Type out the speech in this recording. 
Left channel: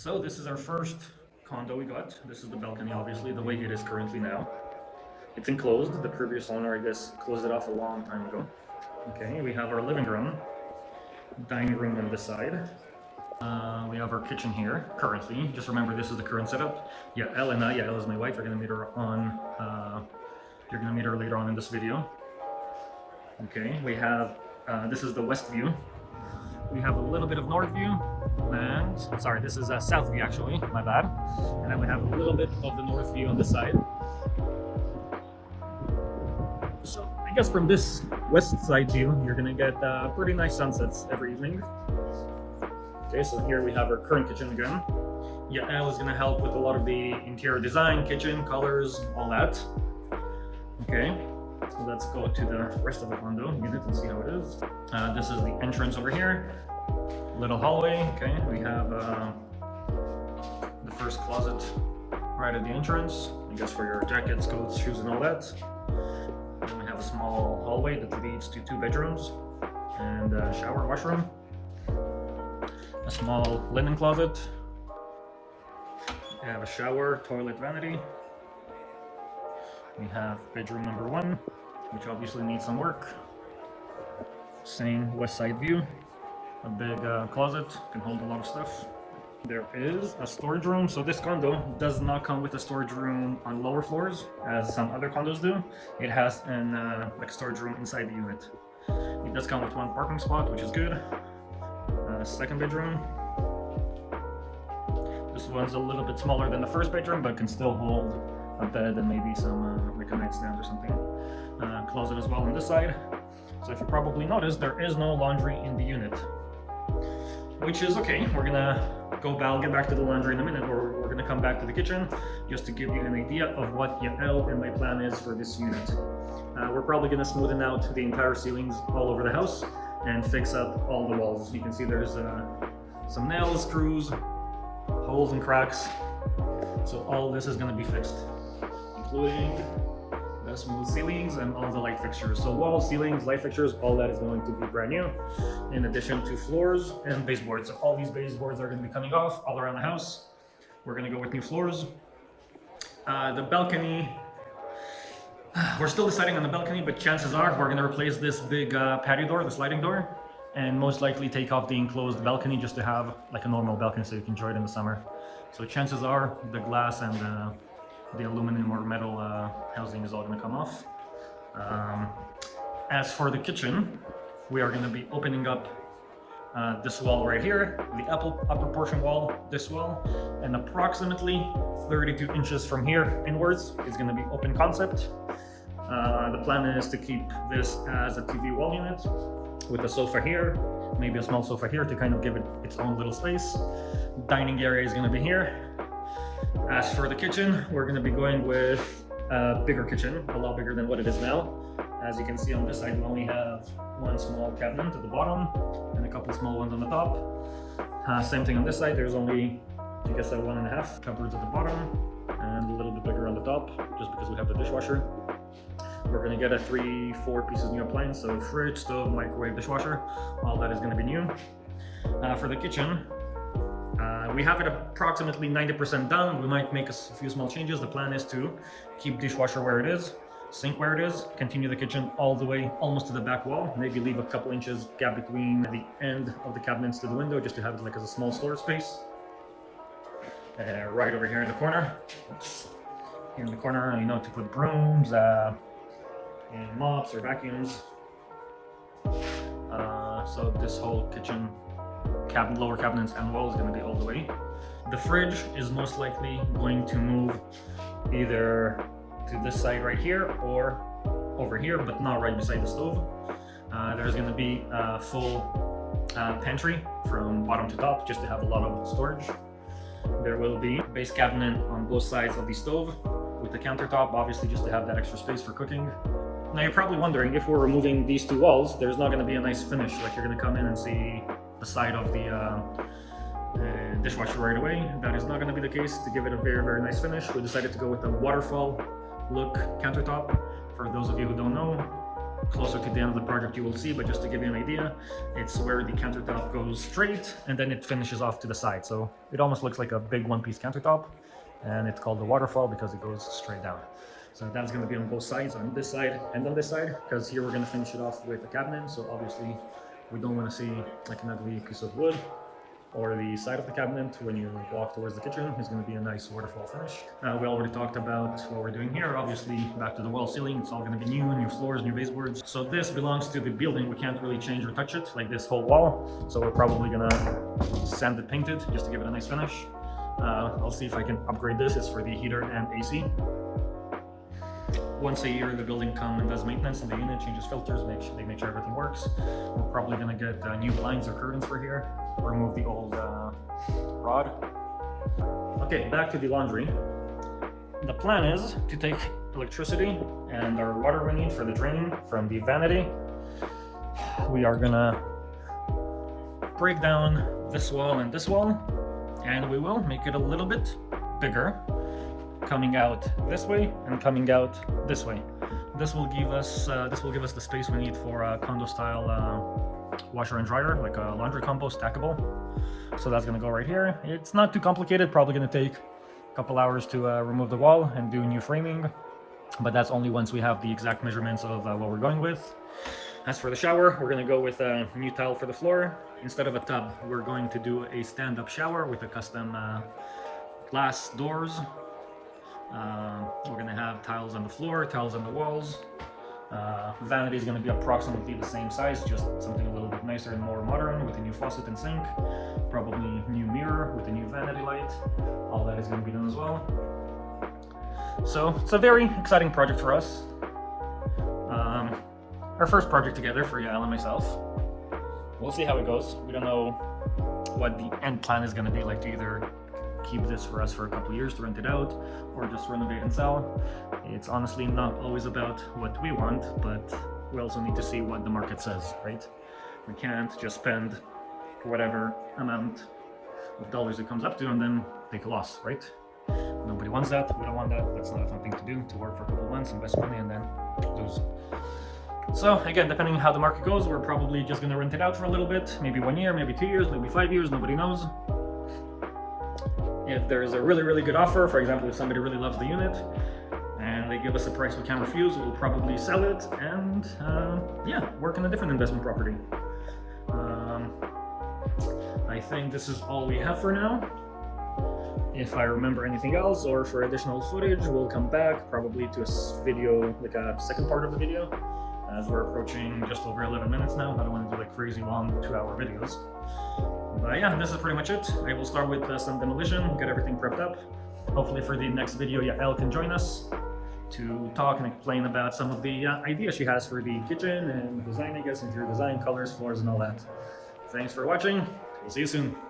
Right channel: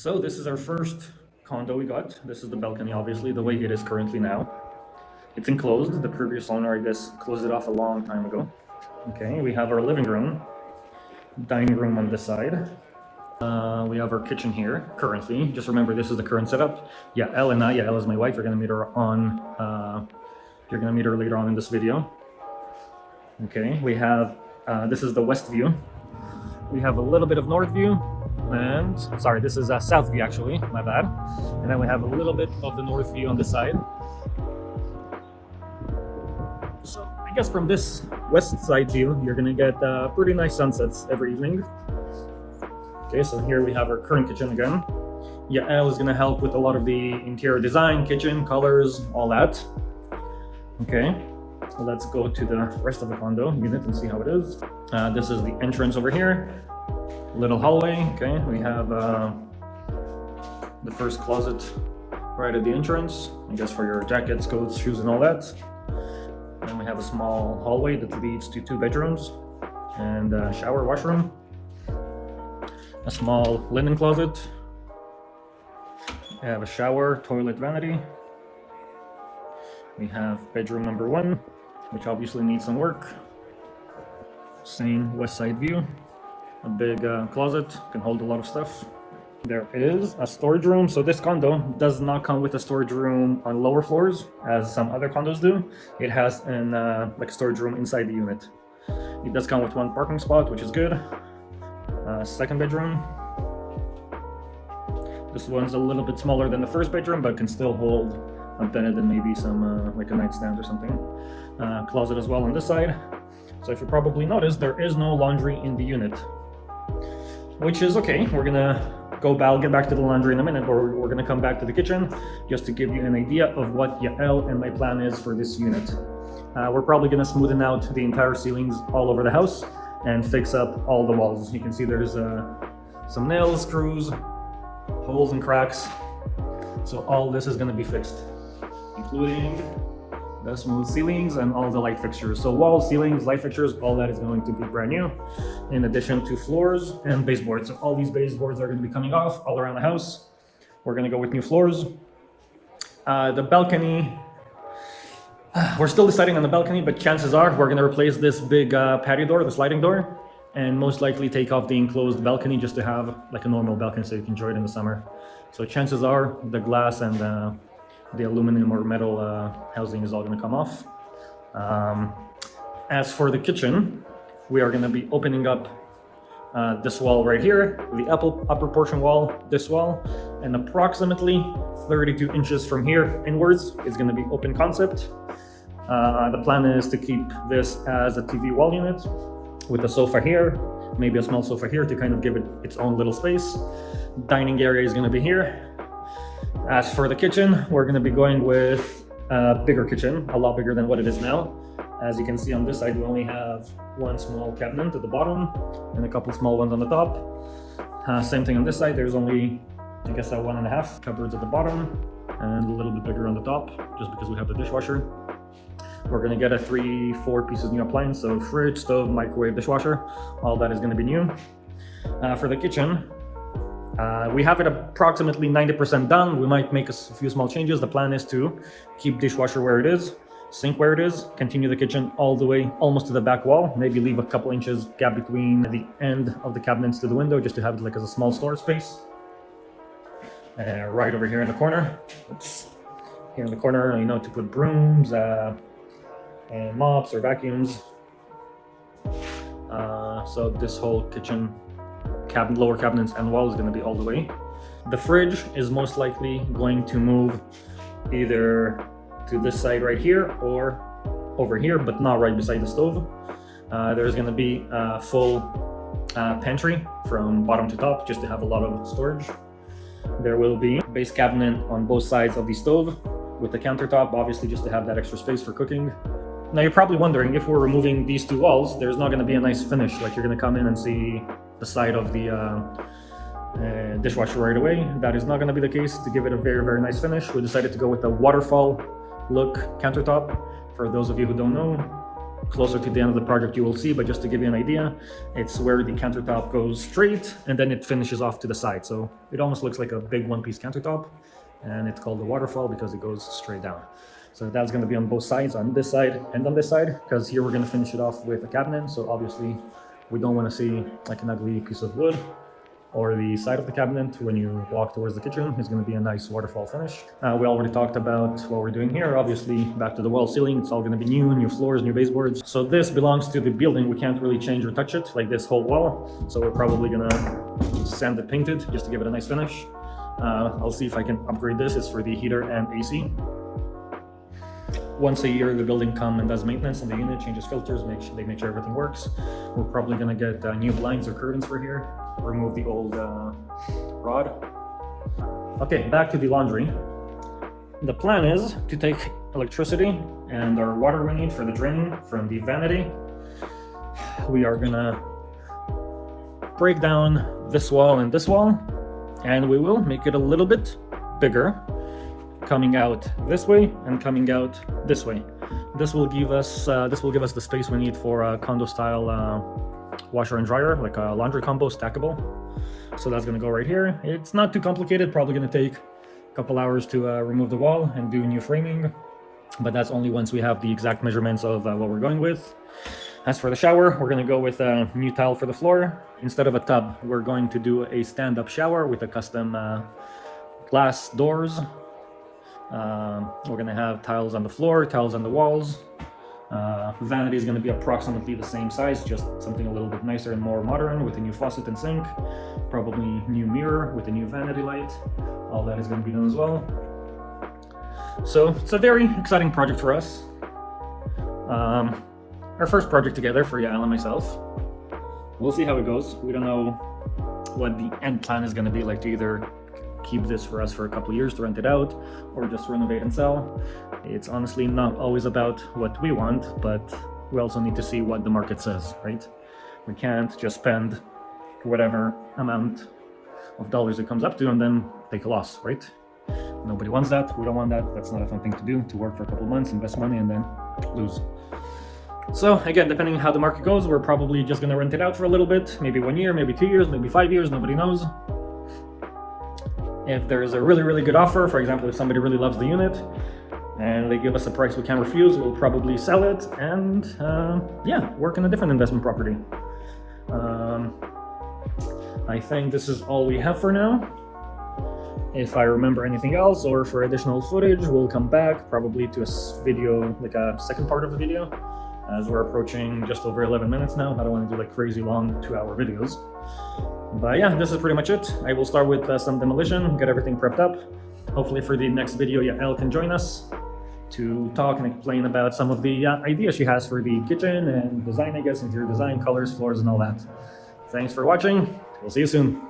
So this is our first condo we got. This is the balcony, obviously, the way it is currently now. It's enclosed. The previous owner, I guess, closed it off a long time ago. Okay, we have our living room, dining room on this side. We have our kitchen here, currently. Just remember, this is the current setup. Yeah, Elle is my wife. You're gonna meet her on. You're gonna meet her later on in this video. Okay, we have. This is the west view. We have a little bit of north view, and sorry, this is a south view actually, my bad. And then we have a little bit of the north view on this side. So I guess from this west side view, you're gonna get pretty nice sunsets every evening. Okay, so here we have our current kitchen again. Yael is gonna help with a lot of the interior design, kitchen, colors, all that. Okay, so let's go to the rest of the condo unit and see how it is. This is the entrance over here. Little hallway. Okay, we have the first closet right at the entrance. I guess for your jackets, coats, shoes, and all that. Then we have a small hallway that leads to 2 bedrooms and a shower, washroom. A small linen closet. We have a shower, toilet, vanity. We have bedroom number 1, which obviously needs some work. Same west side view. A big closet, can hold a lot of stuff. There is a storage room. So this condo does not come with a storage room on lower floors, as some other condos do. It has an like storage room inside the unit. It does come with 1 parking spot, which is good. Second bedroom. This one's a little bit smaller than the first bedroom, but can still hold a bed and maybe some like a nightstand or something. Closet as well on this side. So if you probably noticed, there is no laundry in the unit, which is okay. We're gonna get back to the laundry in a minute, or we're gonna come back to the kitchen just to give you an idea of what Yael and my plan is for this unit. We're probably gonna smoothen out the entire ceilings all over the house and fix up all the walls. You can see there's some nails, screws, holes and cracks. So all this is gonna be fixed, including the smooth ceilings and all the light fixtures. So walls, ceilings, light fixtures, all that is going to be brand new, in addition to floors and baseboards. So all these baseboards are going to be coming off all around the house. We're going to go with new floors. The balcony, we're still deciding on the balcony, but chances are we're going to replace this big patio door, the sliding door, and most likely take off the enclosed balcony just to have like a normal balcony so you can enjoy it in the summer. So chances are the glass and the aluminum or metal housing is all going to come off. As for the kitchen, we are going to be opening up this wall right here, the upper portion wall, this wall, and approximately 32 inches from here inwards is going to be open concept. The plan is to keep this as a TV wall unit with a sofa here, maybe a small sofa here to kind of give it its own little space. Dining area is going to be here. As for the kitchen, we're going to be going with a bigger kitchen, a lot bigger than what it is now. As you can see on this side, we only have 1 small cabinet at the bottom and a couple small ones on the top. Same thing on this side, there's only, I guess, 1.5 cupboards at the bottom and a little bit bigger on the top, just because we have the dishwasher. We're going to get a 3-4 pieces new appliance, so fridge, stove, microwave, dishwasher, all that is going to be new. For the kitchen, we have it approximately 90% done. We might make a few small changes. The plan is to keep dishwasher where it is, sink where it is, continue the kitchen all the way almost to the back wall, maybe leave a couple inches gap between the end of the cabinets to the window just to have it like as a small storage space. Right over here in the corner, here in the corner, you know, to put brooms and mops or vacuums. So this whole kitchen lower cabinets and wall is going to be all the way. The fridge is most likely going to move either to this side right here or over here, but not right beside the stove. There's going to be a full pantry from bottom to top just to have a lot of storage. There will be a base cabinet on both sides of the stove with the countertop, obviously just to have that extra space for cooking. Now you're probably wondering, if we're removing these 2 walls, there's not going to be a nice finish. Like, you're going to come in and see the side of the dishwasher right away. That is not going to be the case. To give it a very, very nice finish, we decided to go with the waterfall look countertop. For those of you who don't know, closer to the end of the project you will see, but just to give you an idea, it's where the countertop goes straight and then it finishes off to the side. So it almost looks like a big one-piece countertop, and it's called the waterfall because it goes straight down. So that's going to be on both sides, on this side and on this side, because here we're going to finish it off with a cabinet. So obviously we don't want to see like an ugly piece of wood or the side of the cabinet when you walk towards the kitchen. It's going to be a nice waterfall finish. We already talked about what we're doing here. Obviously, back to the wall ceiling, it's all going to be new floors, new baseboards. So this belongs to the building. We can't really change or touch it, like this whole wall. So we're probably going to sand it, paint it, just to give it a nice finish. I'll see if I can upgrade this. It's for the heater and AC. Once a year, the building comes and does maintenance on the unit, changes filters, they make sure everything works. We're probably going to get new blinds or curtains for here, remove the old rod. Okay, back to the laundry. The plan is to take electricity and our water we need for the draining from the vanity. We are going to break down this wall and this wall, and we will make it a little bit bigger, coming out this way and coming out this way. This will give us the space we need for a condo style washer and dryer, like a laundry combo, stackable. So that's gonna go right here. It's not too complicated, probably gonna take a couple hours to remove the wall and do new framing, but that's only once we have the exact measurements of what we're going with. As for the shower, we're gonna go with a new tile for the floor. Instead of a tub, we're going to do a stand-up shower with a custom glass doors. We're gonna have tiles on the floor, tiles on the walls. Vanity is gonna be approximately the same size, just something a little bit nicer and more modern with a new faucet and sink. Probably new mirror with a new vanity light. All that is gonna be done as well. So it's a very exciting project for us. Our first project together for Yael and myself. We'll see how it goes. We don't know what the end plan is gonna be, like to either keep this for us for a couple of years to rent it out or just renovate and sell. It's honestly not always about what we want, but we also need to see what the market says, right? We can't just spend whatever amount of dollars it comes up to and then take a loss, right? Nobody wants that. We don't want that. That's not a fun thing to do, to work for a couple of months, invest money, and then lose. So again, depending on how the market goes, we're probably just going to rent it out for a little bit, maybe 1 year, maybe 2 years, maybe 5 years, nobody knows. If there's a really, really good offer, for example, if somebody really loves the unit and they give us a price we can't refuse, we'll probably sell it and yeah, work on a different investment property. I think this is all we have for now. If I remember anything else or for additional footage, we'll come back probably to a video, like a second part of the video, as we're approaching just over 11 minutes now. I don't want to do like crazy long 2-hour videos. But yeah, this is pretty much it. I will start with some demolition, get everything prepped up. Hopefully for the next video, Yael can join us to talk and explain about some of the ideas she has for the kitchen and design, I guess, interior design, colors, floors, and all that. Thanks for watching. We'll see you soon.